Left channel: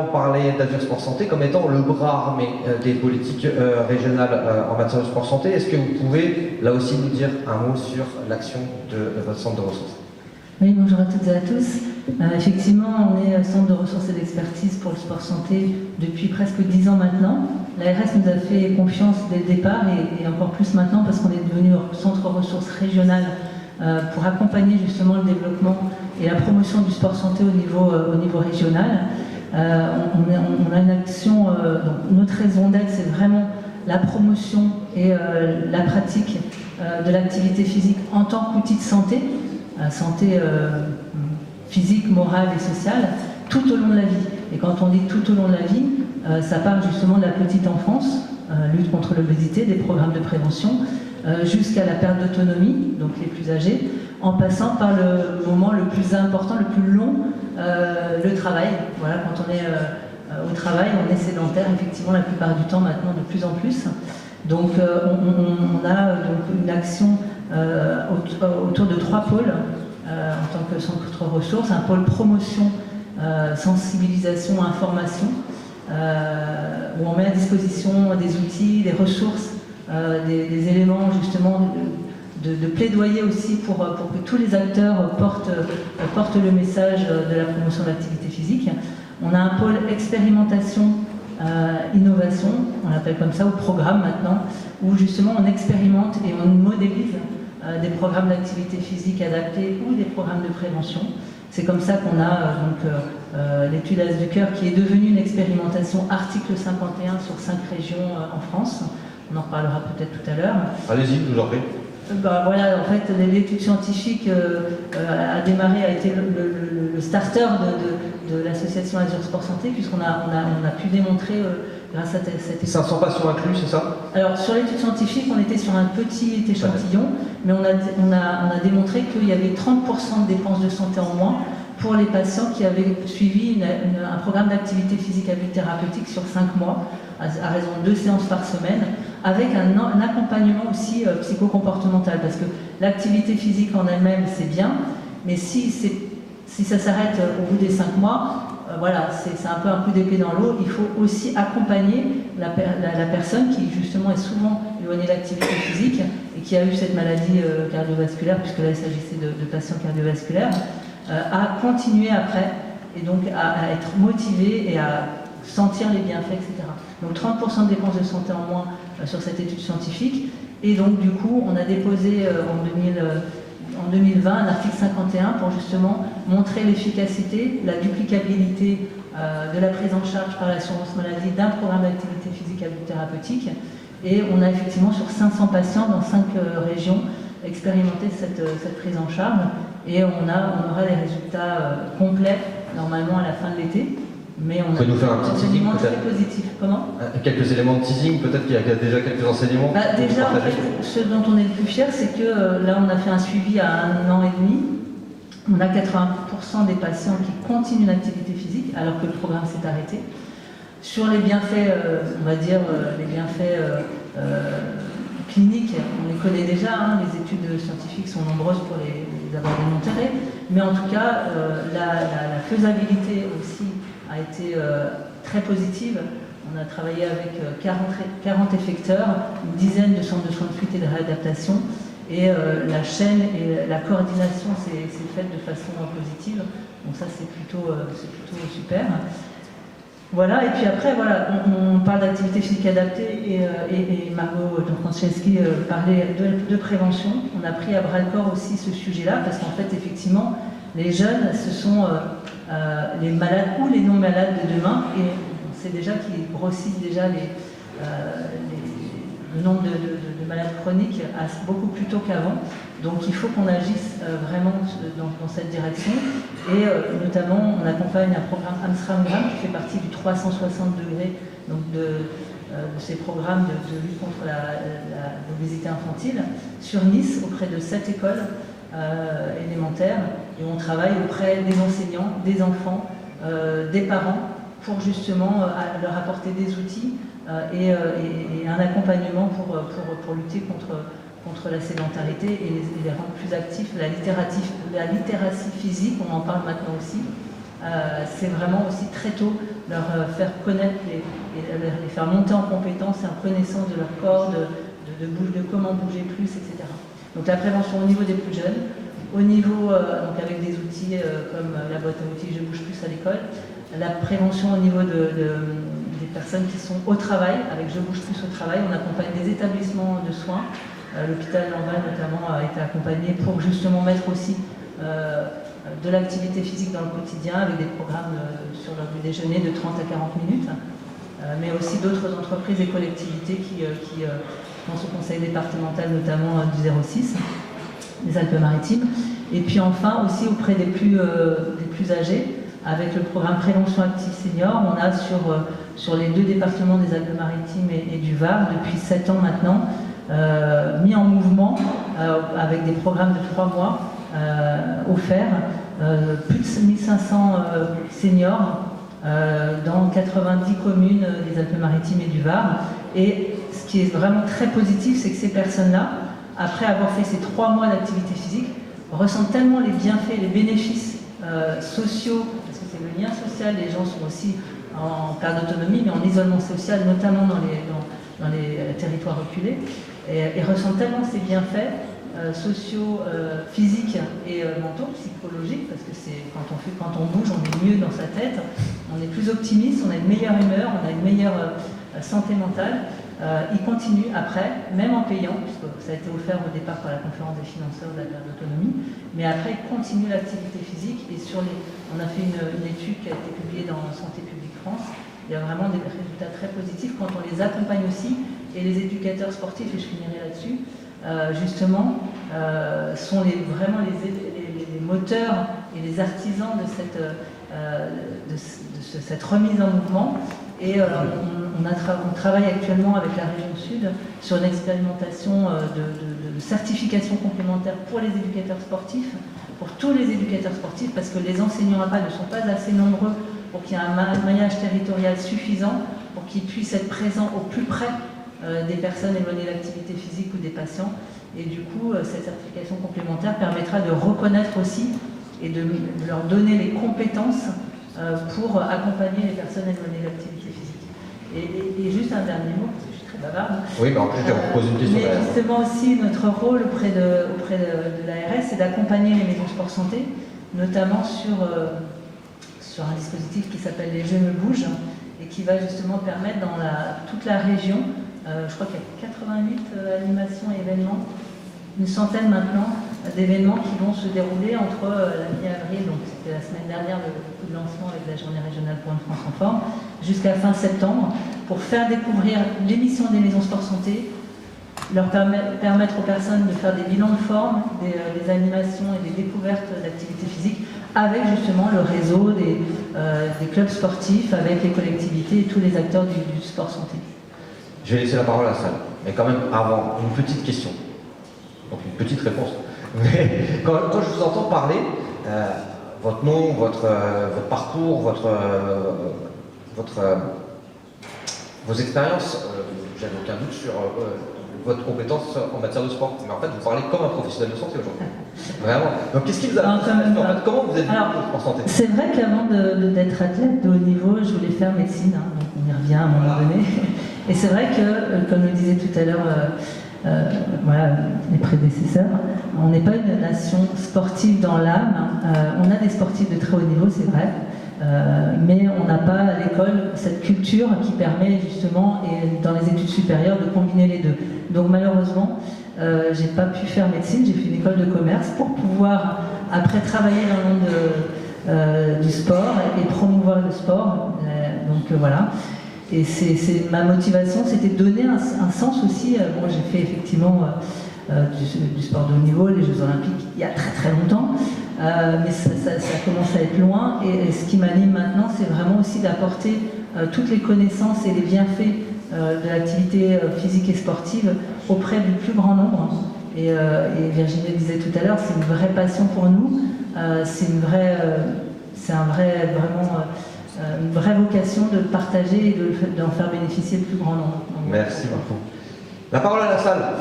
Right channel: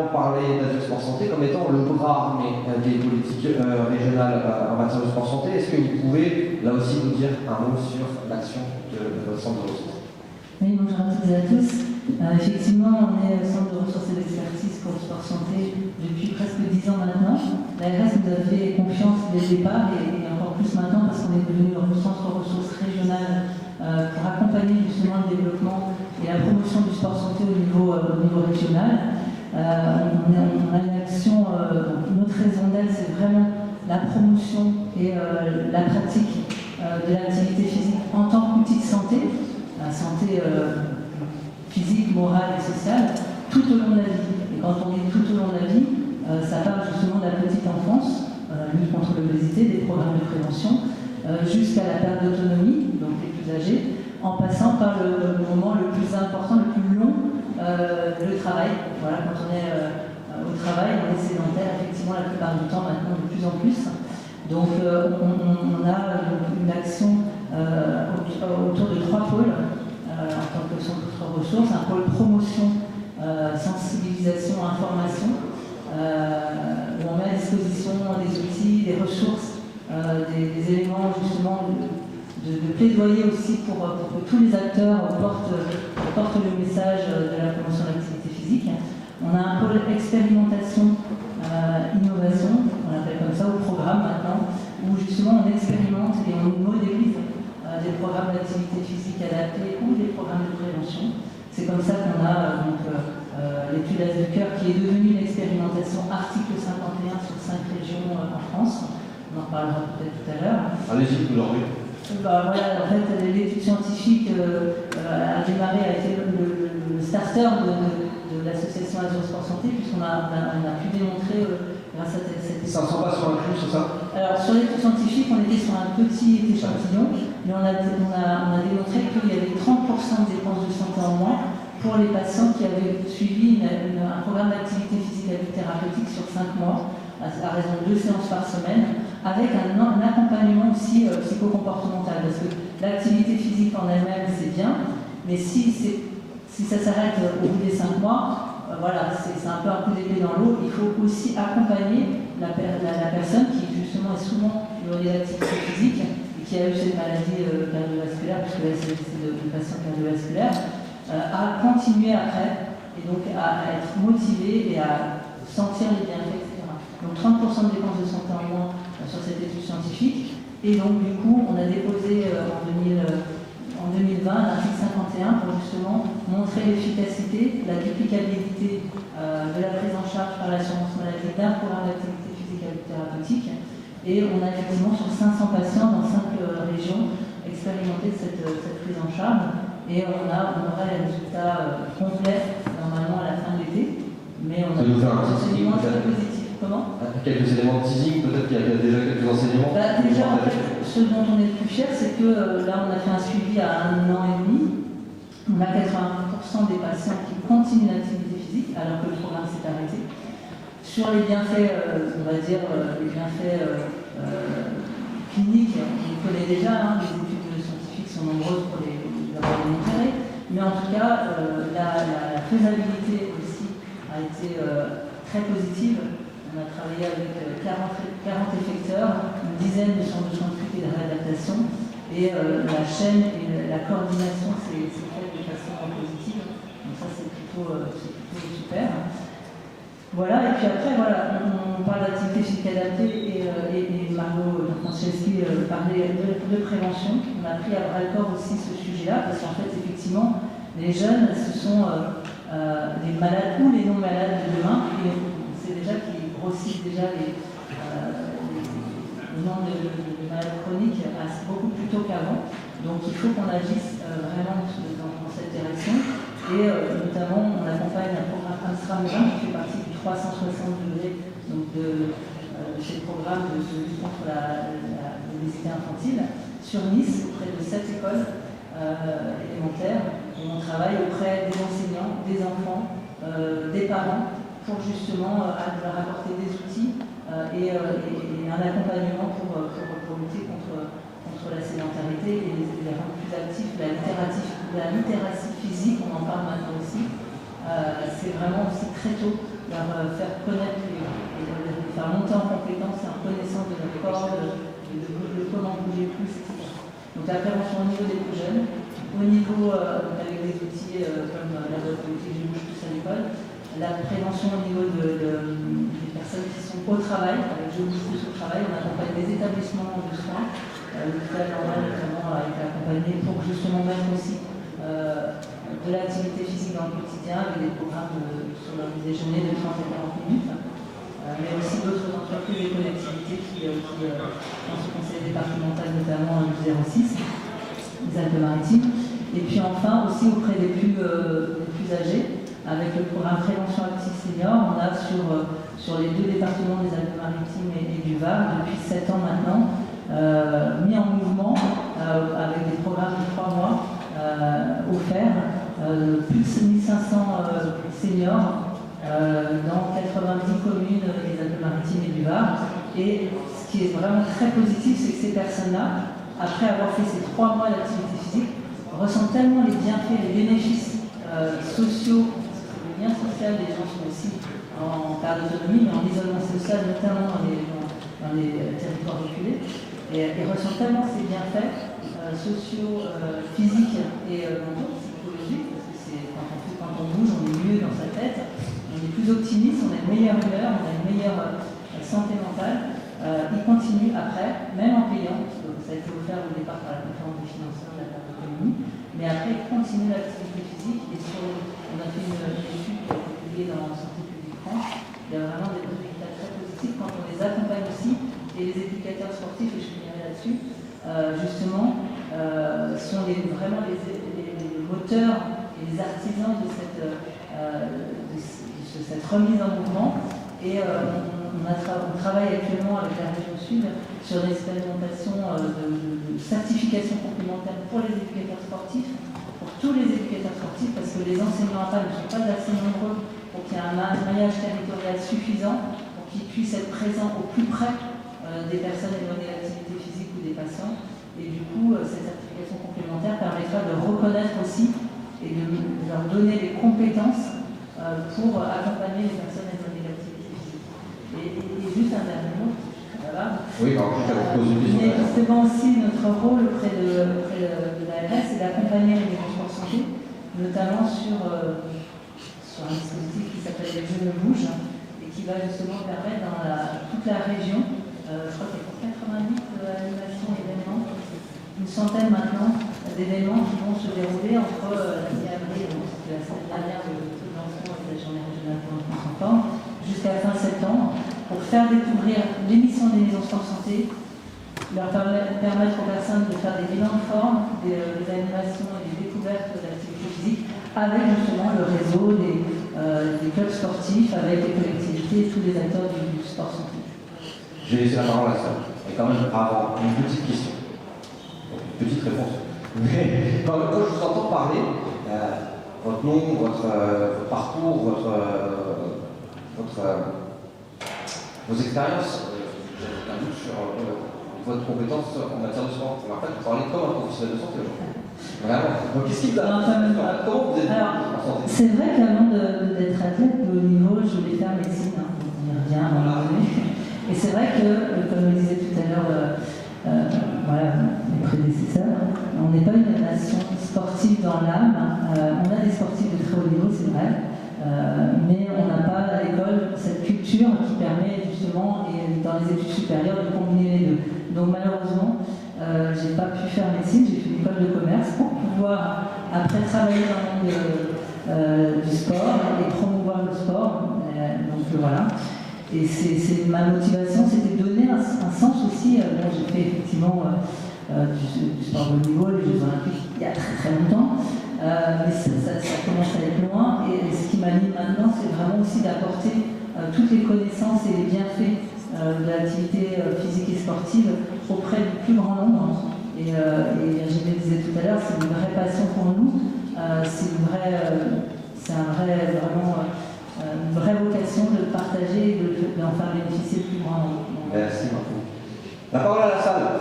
On parlait d'Azur Sport Santé comme étant le bras armé des politiques régionales en matière de sport santé. Est-ce que vous pouvez là aussi nous dire un mot sur l'action de votre centre de ressources? Oui, bonjour à toutes et à tous. Effectivement, on est centre de ressources et d'expertise pour le sport santé depuis presque 10 ans maintenant. L'ARS nous a fait confiance dès le départ et encore plus maintenant parce qu'on est devenu un centre ressources régional pour accompagner justement le développement et la promotion du sport santé au niveau régional. On a une action, notre raison d'être, c'est vraiment la promotion et la pratique de l'activité physique en tant qu'outil de santé. Santé physique, morale et sociale, tout au long de la vie. Et quand on dit tout au long de la vie, ça part justement de la petite enfance, lutte contre l'obésité, des programmes de prévention, jusqu'à la perte d'autonomie, donc les plus âgés, en passant par le moment le plus important, le plus long, le travail. Voilà, quand on est au travail, on est sédentaire, effectivement, la plupart du temps maintenant, de plus en plus. Donc on a donc une action autour de 3 pôles en tant que centre ressources, un pôle promotion, sensibilisation, information, où on met à disposition des outils, des ressources, des éléments justement de plaidoyer aussi pour que tous les acteurs portent le message de la promotion de l'activité physique. On a un pôle expérimentation, innovation, on l'appelle comme ça, ou programme maintenant, où justement on expérimente et on modélise des programmes d'activité physique adaptés ou des programmes de prévention. C'est comme ça qu'on a l'étude As du Cœur qui est devenue une expérimentation article 51 sur 5 régions en France. On en reparlera peut-être tout à l'heure. Allez-y, je vous en prie. Voilà, en fait, l'étude scientifique a démarré, a été le starter de l'association Azur Sport Santé, puisqu'on a pu démontrer, grâce à cette... 500 patients inclus, c'est ça? Alors, sur l'étude scientifique, on était sur un petit échantillon, mais on a démontré qu'il y avait 30% de dépenses de santé en moins pour les patients qui avaient suivi un programme d'activité physique à but thérapeutique sur 5 mois, à raison de 2 séances par semaine, avec un accompagnement aussi psychocomportemental, parce que l'activité physique en elle-même, c'est bien, mais si ça s'arrête au bout des 5 mois, voilà, c'est un peu un coup d'épée dans l'eau. Il faut aussi accompagner la personne qui justement est souvent éloignée de l'activité physique et qui a eu cette maladie cardiovasculaire, puisque là il s'agissait de patients cardiovasculaires, à continuer après, et donc à être motivé et à sentir les bienfaits, etc. Donc 30% de dépenses de santé en moins sur cette étude scientifique. Et donc du coup, on a déposé en 2020 un article 51 pour justement montrer l'efficacité, la duplicabilité de la prise en charge par l'assurance maladie d'un programme d'activité physique à but thérapeutique. Et on a effectivement sur 500 patients dans 5 régions expérimenté cette prise en charge. Et on aura les résultats complets normalement à la fin de l'été. Mais on a nous faire un petit teasing très positif. Comment? Quelques éléments de teasing, peut-être qu'il y a déjà quelques enseignements. Déjà, en fait, ce dont on est le plus fier, c'est que là, on a fait un suivi à 1 an et demi. On a 80% des patients qui continuent l'activité physique, alors que le programme s'est arrêté. Sur les bienfaits, on va dire, les bienfaits cliniques, on les connaît déjà, hein, les études scientifiques sont nombreuses pour les avoir démontrées. Mais en tout cas, la faisabilité aussi a été très positive. On a travaillé avec 40 effecteurs, une dizaine de centres de soins de suite et de réadaptation. Et la chaîne et la coordination s'est faite de façon positive. Donc ça, c'est plutôt super. Voilà, et puis après, voilà, on parle d'activité physique adaptée et Margot Franceschi parlait de prévention. On a pris à bras-le-corps aussi ce sujet-là, parce qu'en fait, effectivement, les jeunes, ce sont les malades ou les non-malades de demain, et c'est déjà qu'ils grossissent déjà le nombre de malades chroniques beaucoup plus tôt qu'avant. Donc il faut qu'on agisse vraiment dans cette direction. Et notamment, on accompagne un programme Amstramgram qui fait partie du 360 degrés donc de ces programmes de lutte contre l'obésité infantile sur Nice, auprès de 7 écoles élémentaires, où on travaille auprès des enseignants, des enfants, des parents, pour justement leur apporter des outils et un accompagnement pour lutter contre la sédentarité et les rendre plus actifs. La littératie physique, on en parle maintenant aussi, c'est vraiment aussi très tôt leur faire connaître et les faire monter en compétence et en connaissance de leur corps, de comment bouger plus, etc. Donc la prévention au niveau des plus jeunes, au niveau, donc avec des outils comme la boîte à outils Je bouge plus à l'école, la prévention au niveau des personnes qui sont au travail, avec Je bouge plus au travail, on accompagne des établissements de soins. L'hôpital Lambert notamment a été accompagné pour justement mettre aussi de l'activité physique dans le quotidien avec des programmes sur le déjeuner de 30 à 40 minutes, mais aussi d'autres entreprises et collectivités qui ont ce conseil départemental notamment du 06, des Alpes-Maritimes. Et puis enfin aussi auprès des plus âgés, avec le programme Prévention Active Senior, on a sur les 2 départements des Alpes-Maritimes et du Var, depuis 7 ans maintenant, mis en mouvement avec des programmes de 3 mois offerts, plus de 1500 seniors dans 90 communes des Alpes-Maritimes et du Var. Et ce qui est vraiment très positif, c'est que ces personnes-là, après avoir fait ces 3 mois d'activité physique, ressentent tellement les bienfaits, les bénéfices sociaux, parce que c'est le lien social, les gens sont aussi en perte d'autonomie, mais en isolement social, notamment dans les territoires reculés, et ressentent tellement ces bienfaits sociaux, physiques et mentaux, psychologiques, parce que c'est quand on bouge, on est mieux dans sa tête, on est plus optimiste, on a une meilleure humeur, on a une meilleure santé mentale. Ils continuent après, même en payant, puisque ça a été offert au départ par la conférence des financeurs de la perte d'autonomie, mais après ils continuent l'activité physique et on a fait une étude qui a été publiée dans Santé publique France. Il y a vraiment des résultats très positifs quand on les accompagne aussi, et les éducateurs sportifs, et je finirai là-dessus, justement, sont vraiment les moteurs et les artisans de cette remise en mouvement. Et on travaille actuellement avec la région Sud sur une expérimentation de certification complémentaire pour les éducateurs sportifs, pour tous les éducateurs sportifs, parce que les enseignants APA ne sont pas assez nombreux pour qu'il y ait un maillage territorial suffisant, pour qu'ils puissent être présents au plus près des personnes éloignées de l'activité physique ou des patients. Et du coup, cette certification complémentaire permettra de reconnaître aussi et de leur donner les compétences pour accompagner les personnes éloignées de l'activité physique. Et juste un dernier mot, parce que je suis très bavarde. Oui, mais en plus, je vous pose une question. Mais justement aussi, notre rôle auprès de l'ARS, c'est d'accompagner les maisons sport santé, notamment sur un dispositif qui s'appelle Les Jeux me bougent, et qui va justement permettre dans toute la région, je crois qu'il y a 88 animations et événements, une centaine maintenant d'événements qui vont se dérouler entre la mi-avril, donc c'était la semaine dernière le lancement avec la journée régionale pour une France en forme, jusqu'à fin septembre, pour faire découvrir l'émission des maisons sport santé, leur permettre aux personnes de faire des bilans de forme, des animations et des découvertes d'activités physiques, avec justement le réseau des clubs sportifs, avec les collectivités et tous les acteurs du sport santé. Je vais laisser la parole à la salle. Mais quand même, avant, une petite question. Donc une petite réponse. Mais quand je vous entends parler, votre nom, votre parcours, vos expériences, j'avais aucun doute sur votre compétence en matière de sport. Mais en fait, vous parlez comme un professionnel de santé aujourd'hui. Vraiment. Donc qu'est-ce qui vous a comment vous êtes en santé? C'est vrai qu'avant d'être athlète de haut niveau, je voulais faire médecine. Hein, donc on y revient à un moment donné. Et c'est vrai que, comme le disait tout à l'heure mes prédécesseurs, on n'est pas une nation sportive dans l'âme. On a des sportifs de très haut niveau, c'est vrai, mais on n'a pas à l'école cette culture qui permet justement, et dans les études supérieures, de combiner les deux. Donc malheureusement, j'ai pas pu faire médecine, j'ai fait une école de commerce pour pouvoir après travailler dans le monde du sport et promouvoir le sport. Donc voilà. Et ma motivation, c'était de donner un sens aussi. Moi, j'ai fait effectivement du sport de haut niveau, les Jeux Olympiques, il y a très très longtemps, mais ça commence à être loin. Et ce qui m'anime maintenant, c'est vraiment aussi d'apporter toutes les connaissances et les bienfaits de l'activité physique et sportive auprès du plus grand nombre. Et Virginie le disait tout à l'heure, c'est une vraie passion pour nous, c'est une vraie vocation de partager et d'en faire bénéficier le plus grand nombre. Merci beaucoup. La parole à la salle.